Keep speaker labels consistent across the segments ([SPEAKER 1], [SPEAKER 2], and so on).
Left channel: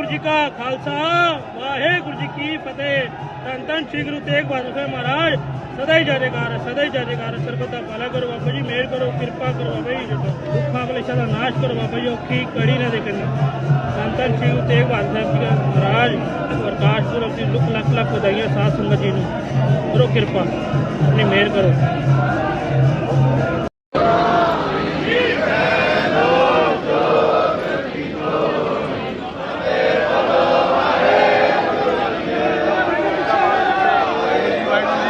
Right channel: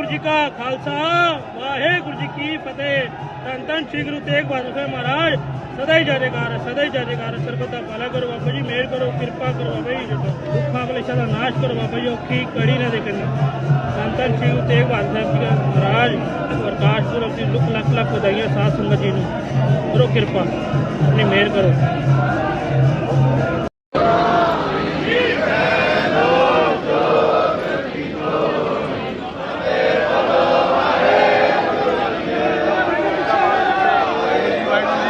[SPEAKER 1] ਵਾਹਿਗੁਰੂ ਜੀ ਕਾ ਖਾਲਸਾ, ਵਾਹਿਗੁਰੂ ਜੀ ਕੀ ਫਤਿਹ। ਧੰਨ ਧੰਨ ਸ੍ਰੀ ਗੁਰੂ ਤੇਗ ਬਹਾਦਰ ਸਾਹਿਬ ਮਹਾਰਾਜ, ਸਦਾ ਹੀ ਜੈਕਾਰ ਸਦਾ ਹੀ ਜੈਕਾਰ ਸਰਬਤ ਦਾ ਭਲਾ ਕਰੋ ਬਾਬਾ ਜੀ ਮਿਹਰ ਕਰੋ, ਕਿਰਪਾ ਕਰੋ ਬਾਬਾ ਜੀ। ਦੁੱਖਾਂ ਕਲੇਸ਼ਾਂ ਦਾ ਨਾਸ਼ ਕਰੋ ਬਾਬਾ ਜੀ, ਔਖੀ ਕੜੀ ਨਾ ਦੇਖਣੀ ਧੰਨ ਧੰਨ ਸ੍ਰੀ ਗੁਰੂ ਤੇਗ ਬਹਾਦਰ ਸਾਹਿਬ ਜੀ ਦਾ ਮਹਾਰਾਜ, ਪ੍ਰਕਾਸ਼ ਪੁਰਬ ਦੀ ਲੱਖ ਲੱਖ ਲੱਖ ਵਧਾਈਆਂ ਸਾਧ ਸੰਗਤ ਜੀ ਨੂੰ। ਕਰੋ ਕਿਰਪਾ, ਆਪਣੀ ਮਿਹਰ ਕਰੋ। right?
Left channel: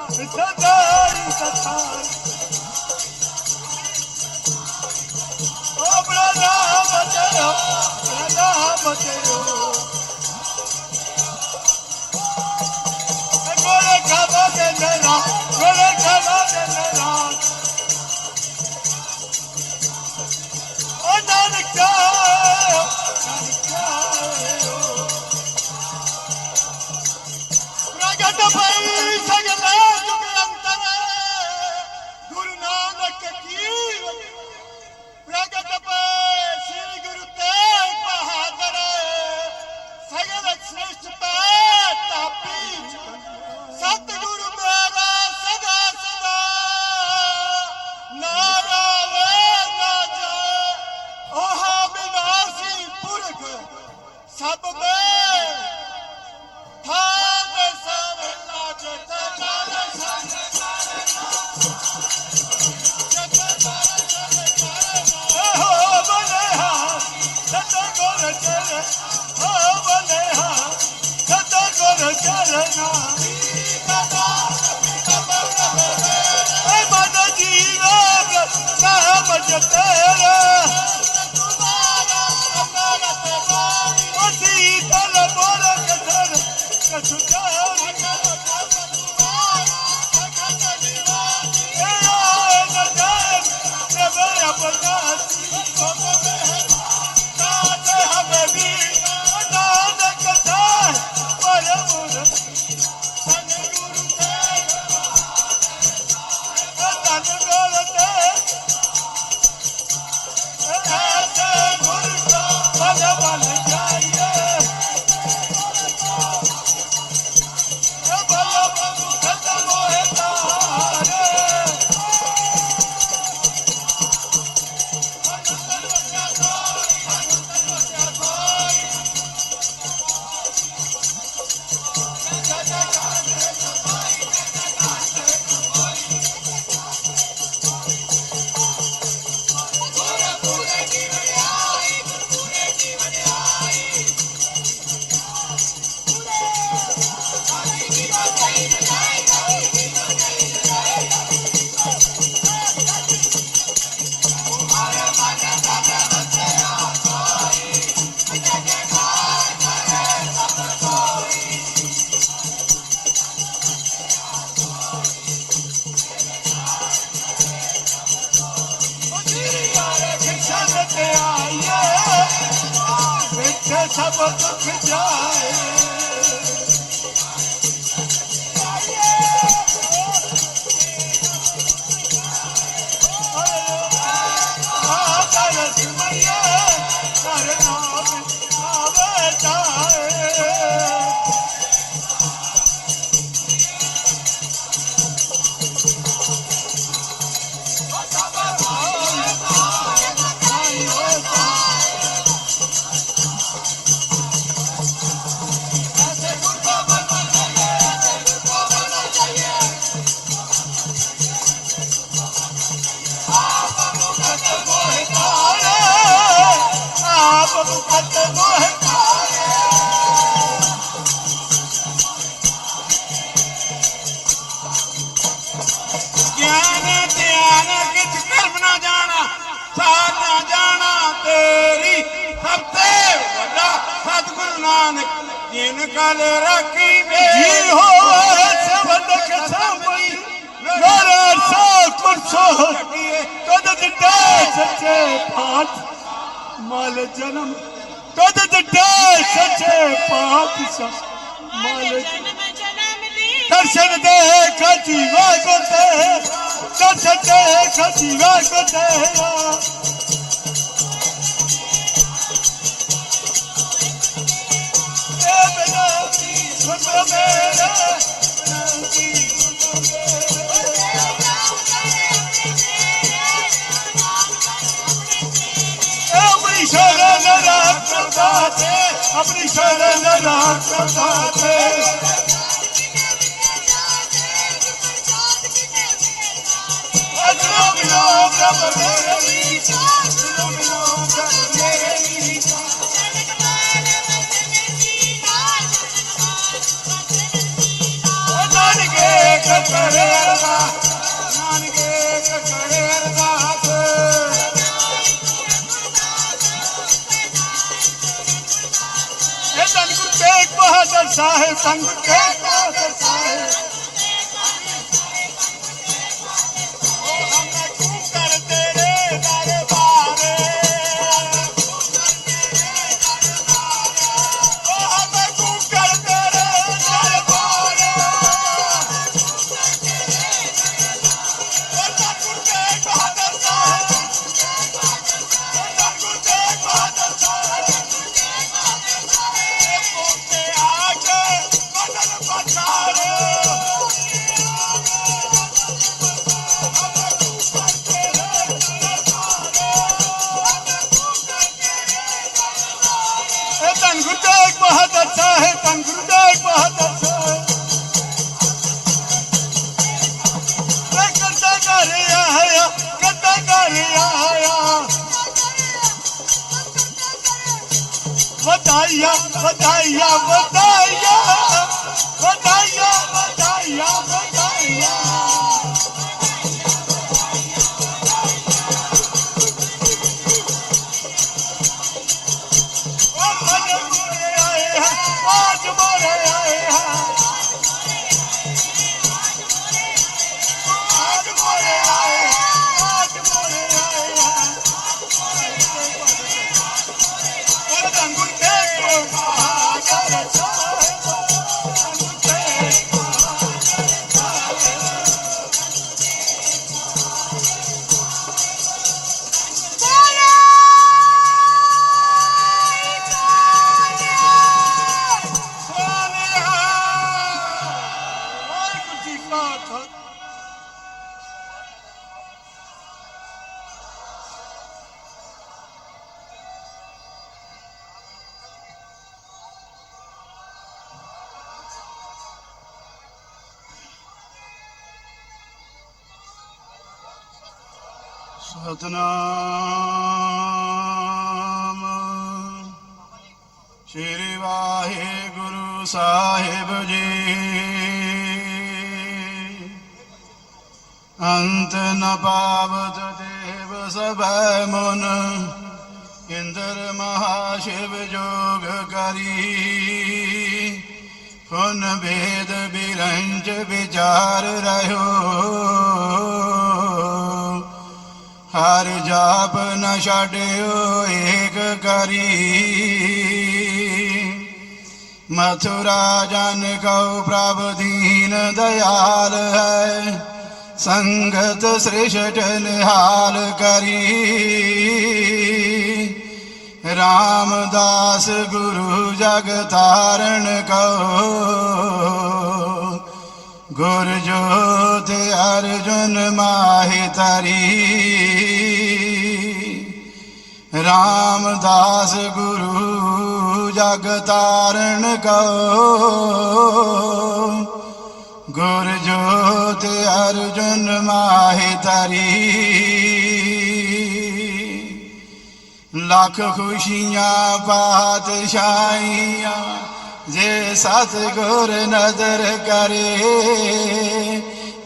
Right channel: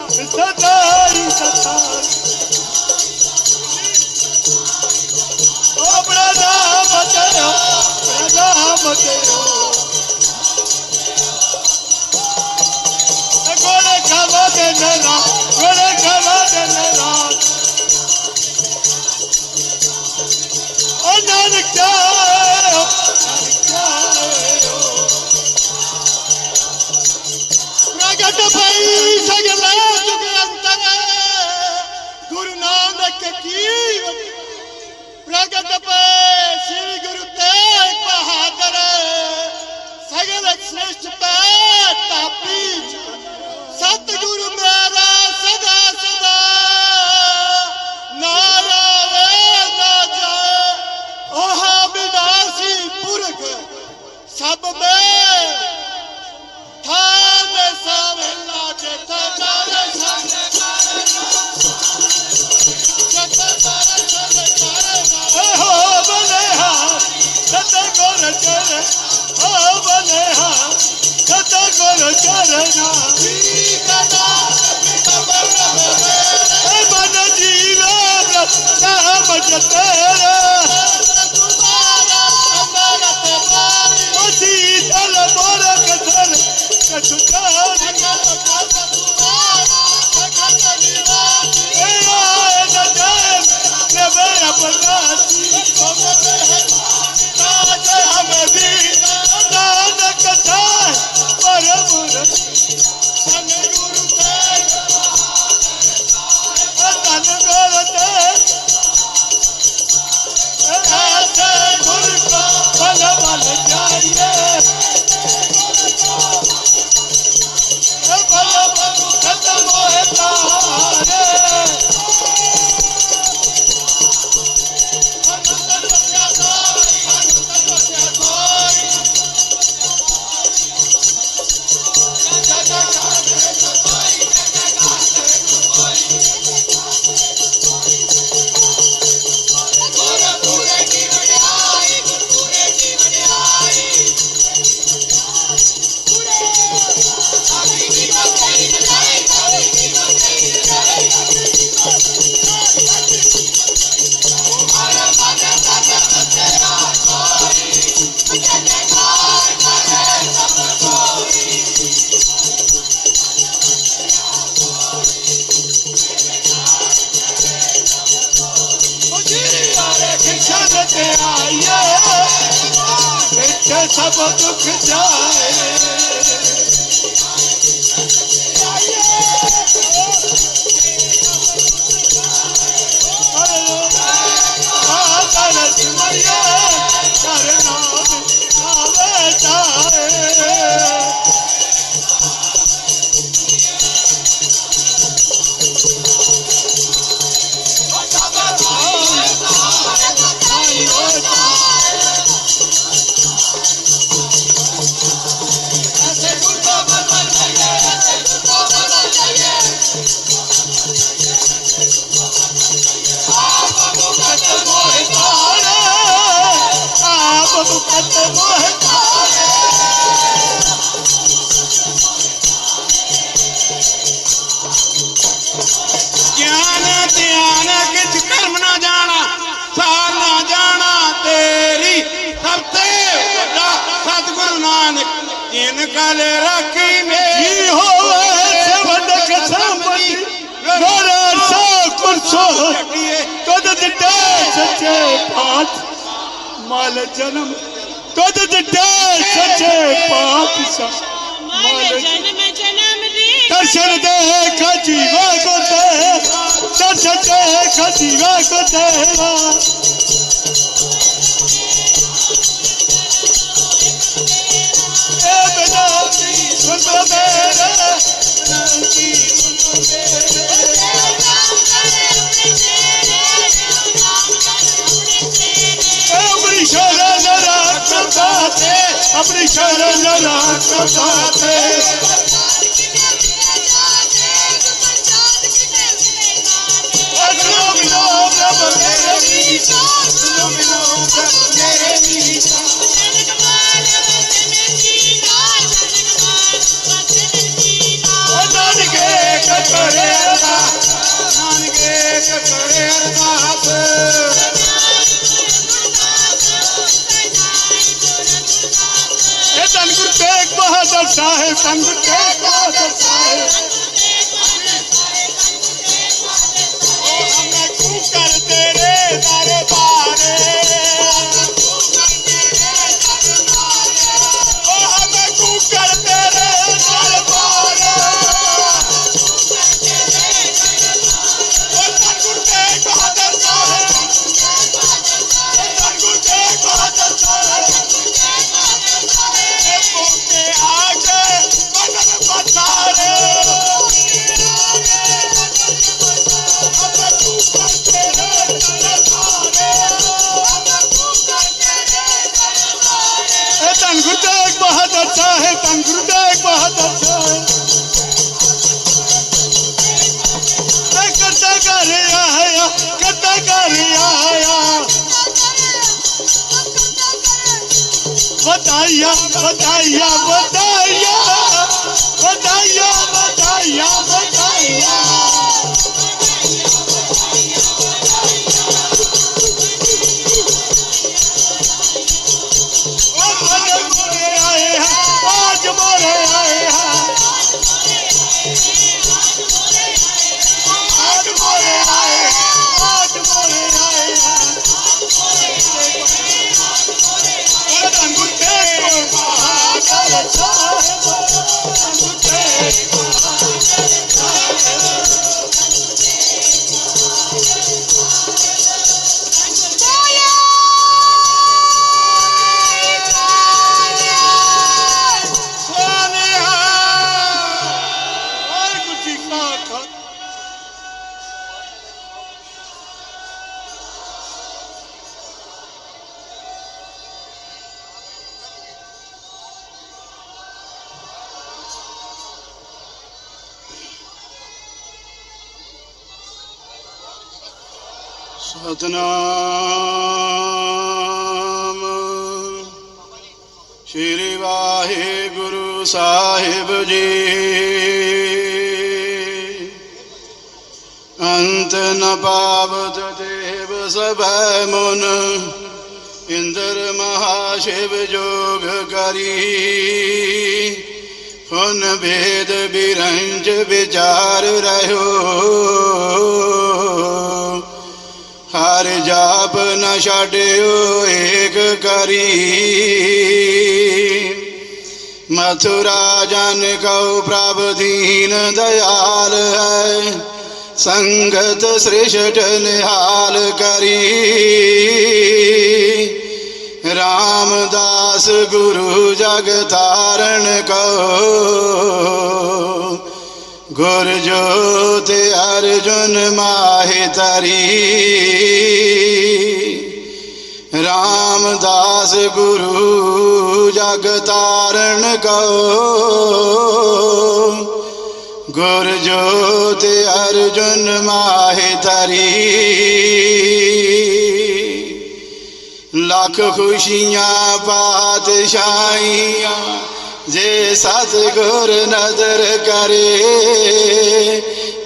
[SPEAKER 1] પ્રજા મચરો কত চায়? نکالے راکی نے جی ہو ہے خداوند کے سامنے دور آ شوق منسو ہو گئے تو دتے سچے پاپ مال جنم تو دتے سچے پاپ اس مال جنم جنم لے ترشن دے کھاجی واں گلتے ہیں ترشن शरण साहिब संग के पास साहिब Sakaya ਸਤਨਾਮ। ਸ੍ਰੀ ਵਾਹਿਗੁਰੂ ਸਾਹਿਬ ਜੀ। ਅੰਤ ਨ ਪਾਵਤ ਦੇਵ ਸਭੈ ਮਨ, ਇੰਦਰ ਮਹਾ ਸ਼ਿਵ ਜੋਗ ਕਰੀ। ਫਨ ਭੇਦ ਬਿਰੰਜ ਵਿਚਾਰ ਰਹਿਓ। ਜਾਪ ਨ ਛਾੜਿਓ ਏਕ ਕਰੀ। ਮਥੁਰਾ ਜਨ ਕਉ ਪ੍ਰਭ ਦੀਨ ਦਇਆਲ ਹੈ, ਸੰਗਤ ਸ੍ਰਿਸ਼ਟ ਨਿਹਾਲ ਕਰੀ। ਰਾਮਦਾਸ ਗੁਰੂ ਜਗ ਧਾਰਨ ਕੋ ਗੁਰ ਜੋਤ ਅਰਜੁਨ ਮਾਹੇ ਤਰੀ ਰਾਮਦਾਸ ਗੁਰੂ ਜਗ ਤਾਰਨ ਕੋ। ਗੁਰ ਜੋਤ ਅਰਜਨ ਮਾਹਿ ਤਰੀ ਲੱਖ ਖੁਸ਼ੀਆਂ ਪਾਤਸ਼ਾਹੀਆਂ ਜੇ ਸਤ ਗੁਰ ਨਦਰ ਕਰੇ।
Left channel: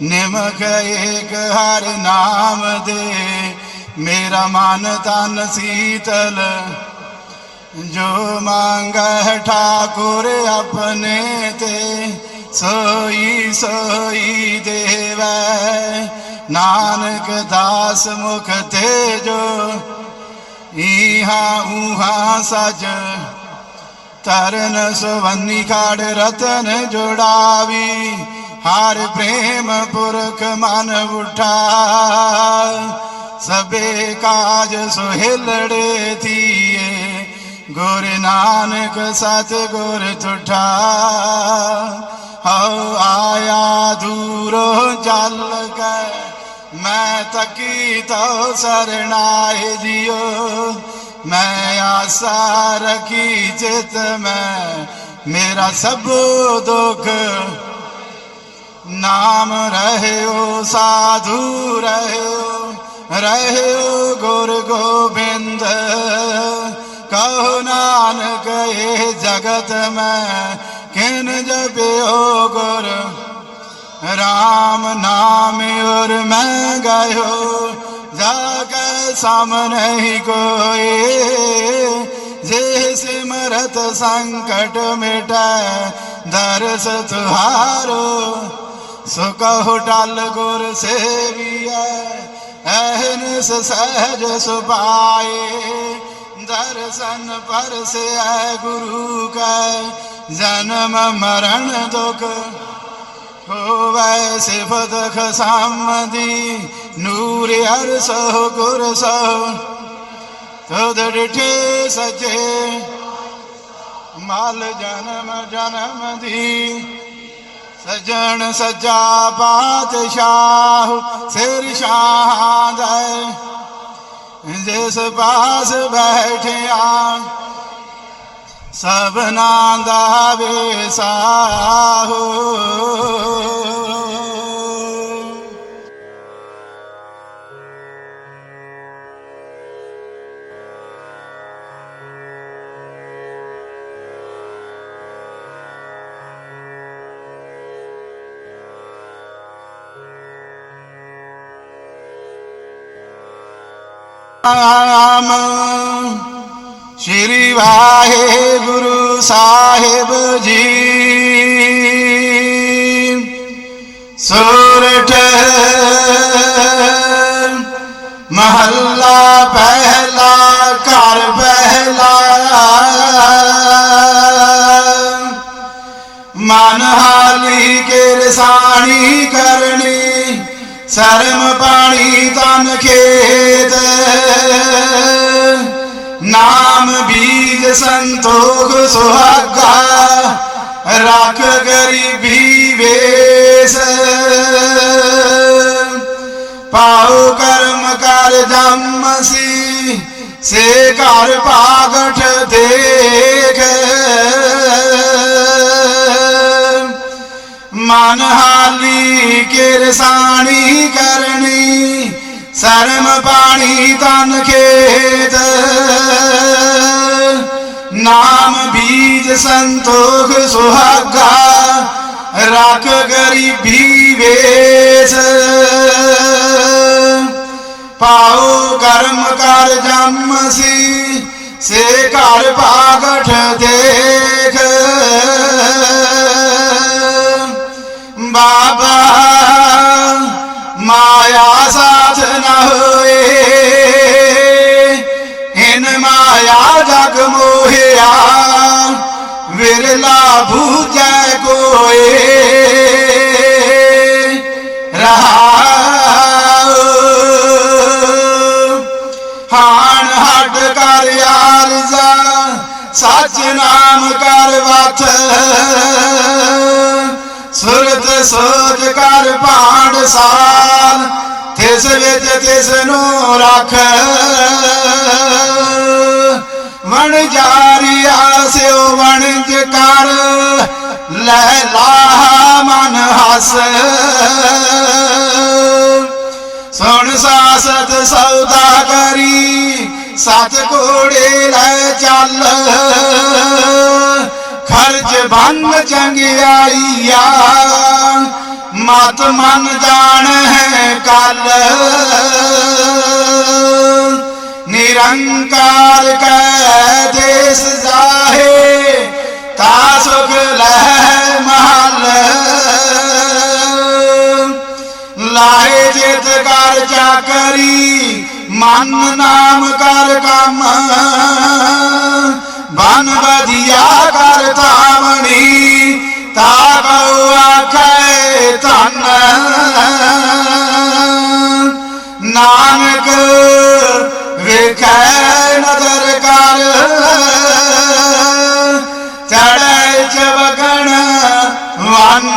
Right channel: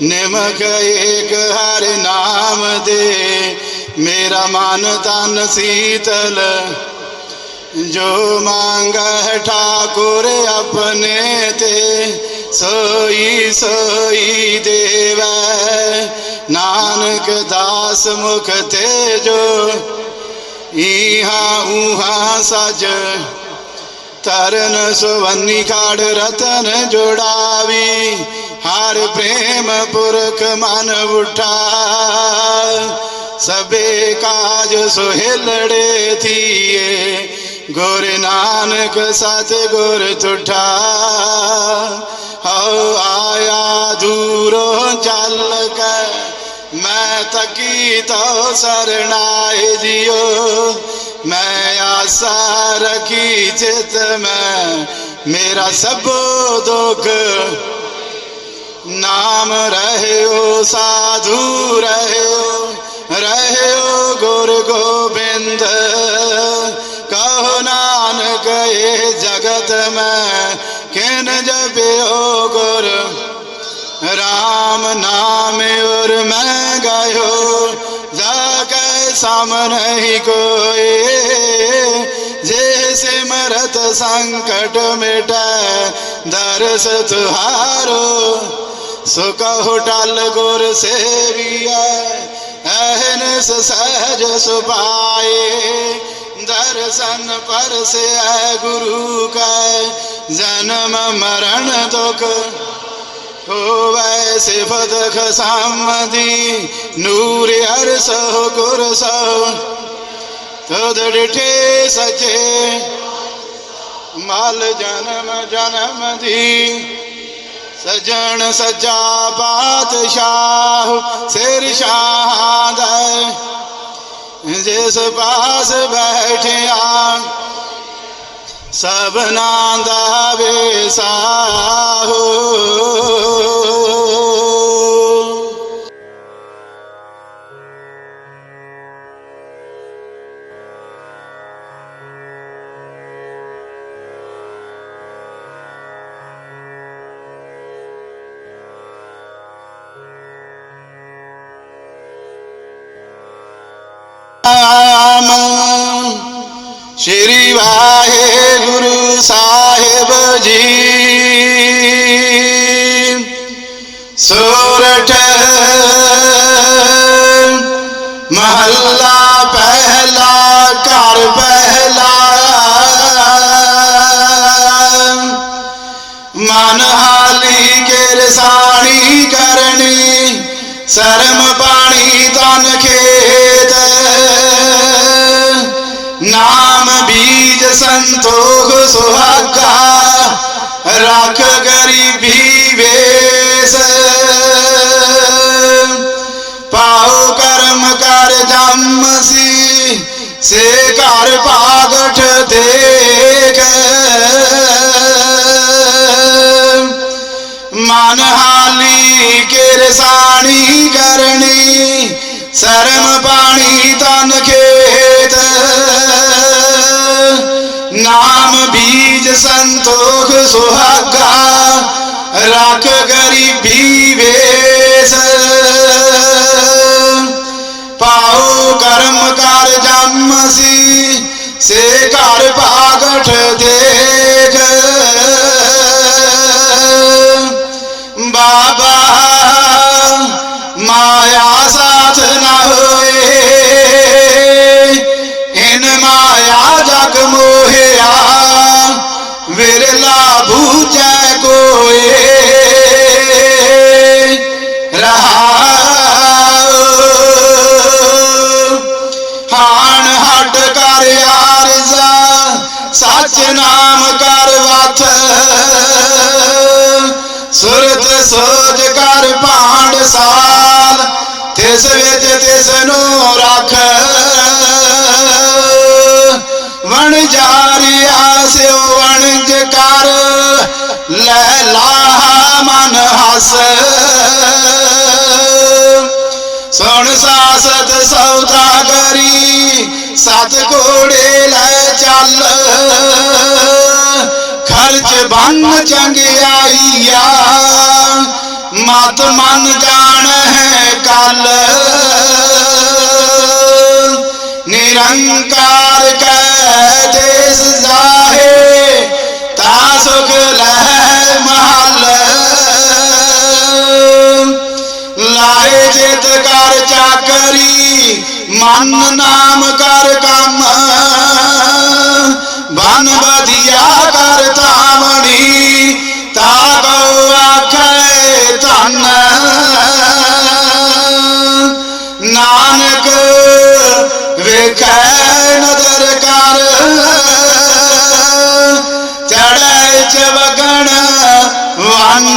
[SPEAKER 1] ਨਿਮਕ ਏਕ ਹਰ ਨਾਮ ਦੇ। ਮੇਰਾ ਮਨ ਤਨ ਸੀਤਲ, ਜੋ ਮੰਗੈ ਠਾਕੁਰ ਆਪਣੇ ਤੇ, ਸੋਈ ਸੋਈ ਦੇਵੈ। ਨਾਨਕ ਦਾਸ ਮੁਖ ਤੇ ਜੋ ਈਹਾ ਊਹਾ ਸਜ। ਤਰਨ ਸੁਵੰਨੀ ਖਾੜ ਰਤਨ ਜੋੜਾਵੀ, ਹਰ ਪ੍ਰੇਮ ਪੁਰਖ ਮਨ ਉਠਾ। ਸਬੇ ਕਾਜ ਸੁਹਿਲੜੇ ਥੀਏ ਗੁਰ ਨਾਨਕ ਸਤ ਗੁਰ ਤੁਠਾ ਹਉ ਆਇਆ ਦੂਰੋਂ ਚੱਲ ਕੇ ਮੈਂ ਤਕੀ ਤੋ ਸਰਣਾਏ ਜਿਉ ਮੈਂ ਆਸਾ ਰਖੀ ਚਿਤ ਮੈਂ ਮੇਰਾ ਸਭ ਦੁੱਖ ਨਾਮ ਰਹਿਓ ਸਾਧੂ ਰਹਿਓ रहे गुरु गोविंद, कहो नानक ये जगत में किन जपियो गुरु? राम नाम और मैं गयो, जाके सामने ही कोई। जे सिमरत संकट मिट, दर्स तुहारो, सुख टल गुर सेरिया ਤਿਸ ਸਹਿਜ ਸੁਭਾਏ ਦਰਸ਼ਨ ਪਰਸੇ ਹੈ ਗੁਰੂ ਕੈ, ਜਨਮ ਮਰਨ ਦੁਖ ਹੋਵੇ ਸਿਫਤ ਖਸਾਮਦੀ, ਨੂਰ ਹਰ ਸੋ ਗੁਰ ਸੋ ਤਦ ਡਿਠੇ ਸਜੇ ਮਾਲ ਜਨਮ ਜਨਮ ਦੀ। ਸਜਣ ਸਜਾ ਬਾਦਸ਼ਾਹ ਸਿਰ ਸ਼ਾਹ ਦਾ ਜਿਸ ਪਾਸ ਬੈਠਿਆ ਸਭਨਾ ਦਾ ਵੇਸਾਹੋ ਸ਼੍ਰੀ ਵਾਹਿਗੁਰੂ ਸਾਹਿਬ ਜੀ। ਸੋਰਠ ਮਹੱਲਾ ਪਹਿਲਾ, ਘਰ ਪਹਿਲਾ। ਮਨ ਹਾਲੀ ਕੇ ਲਸਾਣੀ ਕਰਨੀ, ਸ਼ਰਮ ਪਾਣੀ ਤਨ ਖੇਤ। ਨਾਮ ਬੀਜ ਸੰਤੋਖ ਸੁਹਾਗਾ ਰੱਖ ਗਰੀਬੀ ਵੇਸ ਪਾਉ ਕਰਮ ਕਰ ਜੰਮ ਸੀ ਸੇ ਘਰ ਭਾਗਠ ਦੇਖ ਮਨ ਹਾਲੀ ਕਿਰਸਾਣੀ ਕਰਨੀ ਸ਼ਰਮ ਪਾਣੀ ਤਨ ਖੇਤ। ਨਾਮ ਬੀਜ ਸੰਤੋਖ ਸੁਹਾਗਾ, ਰੱਖ ਗਰੀਬੀ ਵੇਸ। ਪਾਉ ਕਰਮ ਕਰ ਜੰਮ ਸੀ, ਸੇ ਘਰ ਭਾਗਠ ਦੇਖ ਵੇਲਾ ਬੂਝੈ ਕੋਏ। ਰਹਾਉ ਹਾਣ ਹਟ ਕਰ ਆਰਜ਼ਾ ਸੱਚ ਨਾਮ ਕਰ ਵਤ ਸੁਰਤ ਸੋਚ ਕਰ ਭਾਂਡ ਸਾਲ ਤਿਸ ਵਿੱਚ ਤਿਸ ਨੂੰ ਰੱਖ। ਵਣ ਜਾਰੀਆ ਸਿਓ ਕਰ, ਲੈ ਲਾ ਮਨ ਹਸ। ਸੁਣ ਸਾਸਤ ਸੌਦਾ ਕਰੀ ਸਤ ਘੋੜੇ ਲੈ ਚੱਲ। ਖਰਚ ਬੰਨ ਚੰਗਿਆਈਆ ਮਤ ਮਨ ਜਾਣ ਹੈ ਕੱਲ। ਨਿਰੰਕਾਰ ਕੈ ਦੇਸ ਜਾਹੇ। ਤਾ ਸੁਖ ਲੈ ਮਹਲ। ਲਾਏ ਜਿਤ ਕਰ ਚਾਕਰੀ, ਮਨ ਨਾਮ ਕਰ ਕੰਮ। ਬਨ ਵਧੀਆ ਕਰ ਤਾਵਣੀ ਤਾ ਕਉ ਆਖੈ ਧਨ। ਨਾਨਕ ਵੇਖੈ ਨਦਰ ਕਰ। ਵਨ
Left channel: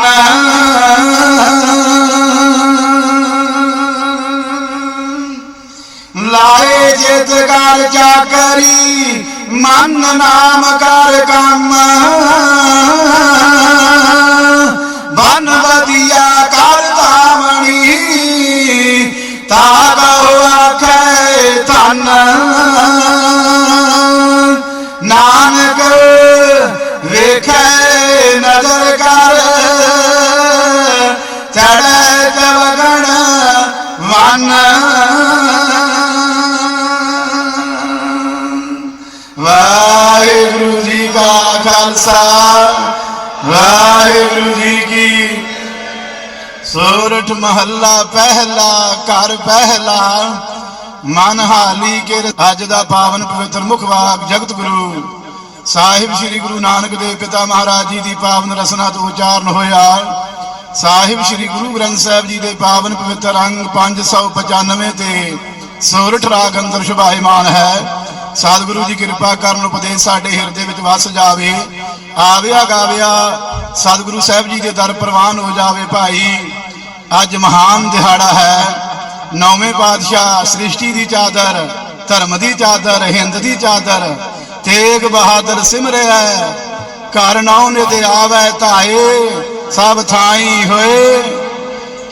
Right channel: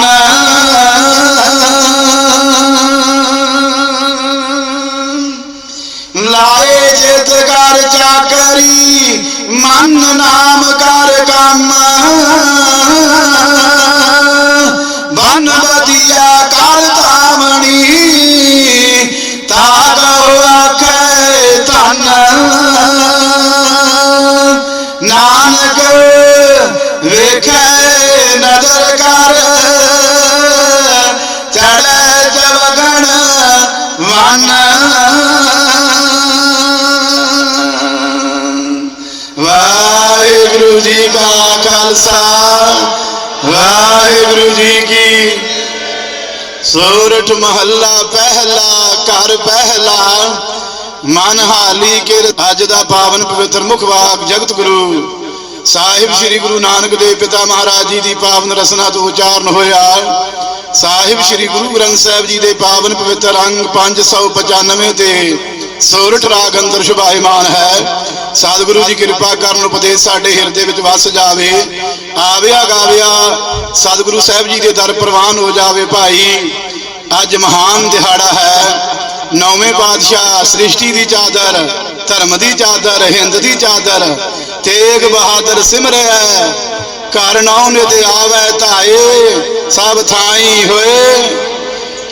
[SPEAKER 1] ਲਾਏ ਜਿਤ ਕਰ ਚਾਕਰੀ ਮਨ ਨਾਮ ਕਰ ਕੰਮ ਬਨ ਵਧੀਆ ਕਰ ਤਾਵਣੀ ਤਾ ਕਉ ਆਖੈ ਧਨ। ਨਾਨਕ ਵੇਖੈ ਨਜ਼ਰ ਕਰ ਖਾਲਸਾ, ਵਾਹਿਗੁਰੂ ਜੀ ਕੀ ਸੋਰਠ ਮਹੱਲਾ, ਪਹਿਲਾ ਘਰ ਪਹਿਲਾ ਮਨ ਹਾਲੀ ਕੇ ਅੱਜ ਦਾ ਪਾਵਨ ਪਵਿੱਤਰ ਮੁਖ ਜਗਤ ਗੁਰੂ ਸਾਹਿਬ ਸ੍ਰੀ ਗੁਰੂ ਨਾਨਕ ਦੇਵ ਪਿਤਾ ਮਹਾਰਾਜ ਜੀ ਦੀ ਪਾਵਨ ਰਸਨਾ ਤੋਂ ਉਚਾਰਨ ਹੋਇਆ। ਸਾਹਿਬ ਸ੍ਰੀ ਗੁਰੂ ਗ੍ਰੰਥ ਸਾਹਿਬ ਜੀ ਦੇ ਪਾਵਨ ਪਵਿੱਤਰ ਅੰਗ 595 ਤੇ ਸੋਰਠ ਰਾਗ ਅੰਦਰ ਸ਼ੁਭਾਇਮਾਨ ਹੈ। ਸਤਿਗੁਰੂ ਜੀ ਕਿਰਪਾ ਕਰਨ ਉਪਦੇਸ਼ ਸਾਡੇ ਹਿਰਦੇ ਵਿੱਚ ਵਸ ਜਾਵੇ। ਆਵਿਆ ਗਾਵਿਆ ਸਤਿਗੁਰੂ ਸਾਹਿਬ ਜੀ ਦੇ ਦਰ ਪ੍ਰਵਾਨ ਹੋ ਜਾਵੇ ਭਾਈ। ਅੱਜ ਮਹਾਨ ਦਿਹਾੜਾ ਹੈ। ਨੌਵੇਂ ਪਾਤਸ਼ਾਹ ਸ੍ਰਿਸ਼ਟੀ ਦੀ ਚਾਦਰ, ਧਰਮ ਦੀ ਚਾਦਰ, ਹਿੰਦ ਦੀ ਚਾਦਰ, ਤੇਗ ਬਹਾਦਰ ਸਿਮਰਿਆ ਘਰ ਨਾਉ ਤੇ ਆਵੈ ਧਾਏ, ਸਭ ਥਾਈ ਹੋਏ।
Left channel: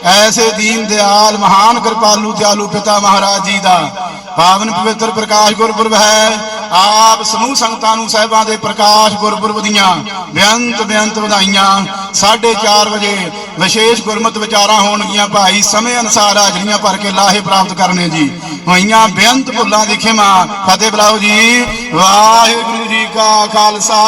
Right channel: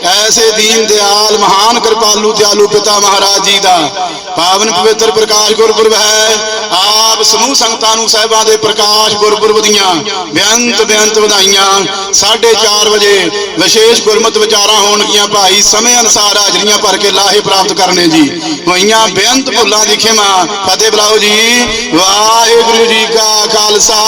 [SPEAKER 1] ਐਸੇ ਦੀਨ ਦਿਆਲ, ਮਹਾਨ ਕਿਰਪਾਲੂ, ਦਿਆਲੂ ਪਿਤਾ ਮਹਾਰਾਜ ਜੀ ਦਾ। ਪਾਵਨ ਪਵਿੱਤਰ ਪ੍ਰਕਾਸ਼ ਗੁਰਪੁਰਬ ਹੈ। ਆਪ ਸਮੂਹ ਸੰਗਤਾਂ ਨੂੰ ਸਾਹਿਬਾਂ ਦੇ ਪ੍ਰਕਾਸ਼ ਗੁਰਪੁਰਬ ਦੀਆਂ ਬੇਅੰਤ ਬੇਅੰਤ ਵਧਾਈਆਂ। 4:30 ਵਜੇ ਵਿਸ਼ੇਸ਼ ਗੁਰਮਤਿ ਵਿਚਾਰਾਂ ਹੋਣਗੀਆਂ ਭਾਈ, ਸਮੇਂ ਅਨੁਸਾਰ ਹਾਜ਼ਰੀਆਂ ਭਰ ਕੇ ਲਾਹੇ ਪ੍ਰਾਪਤ ਕਰਨੇ ਜੀ। ਹੋਈਆਂ ਬੇਅੰਤ ਭੁੱਲਾਂ ਦੀ ਖਿਮਾ। ਫਤਿਹ ਬੁਲਾਓ ਜੀ। ਵਾਹਿਗੁਰੂ ਜੀ ਕਾ ਖਾਲਸਾ।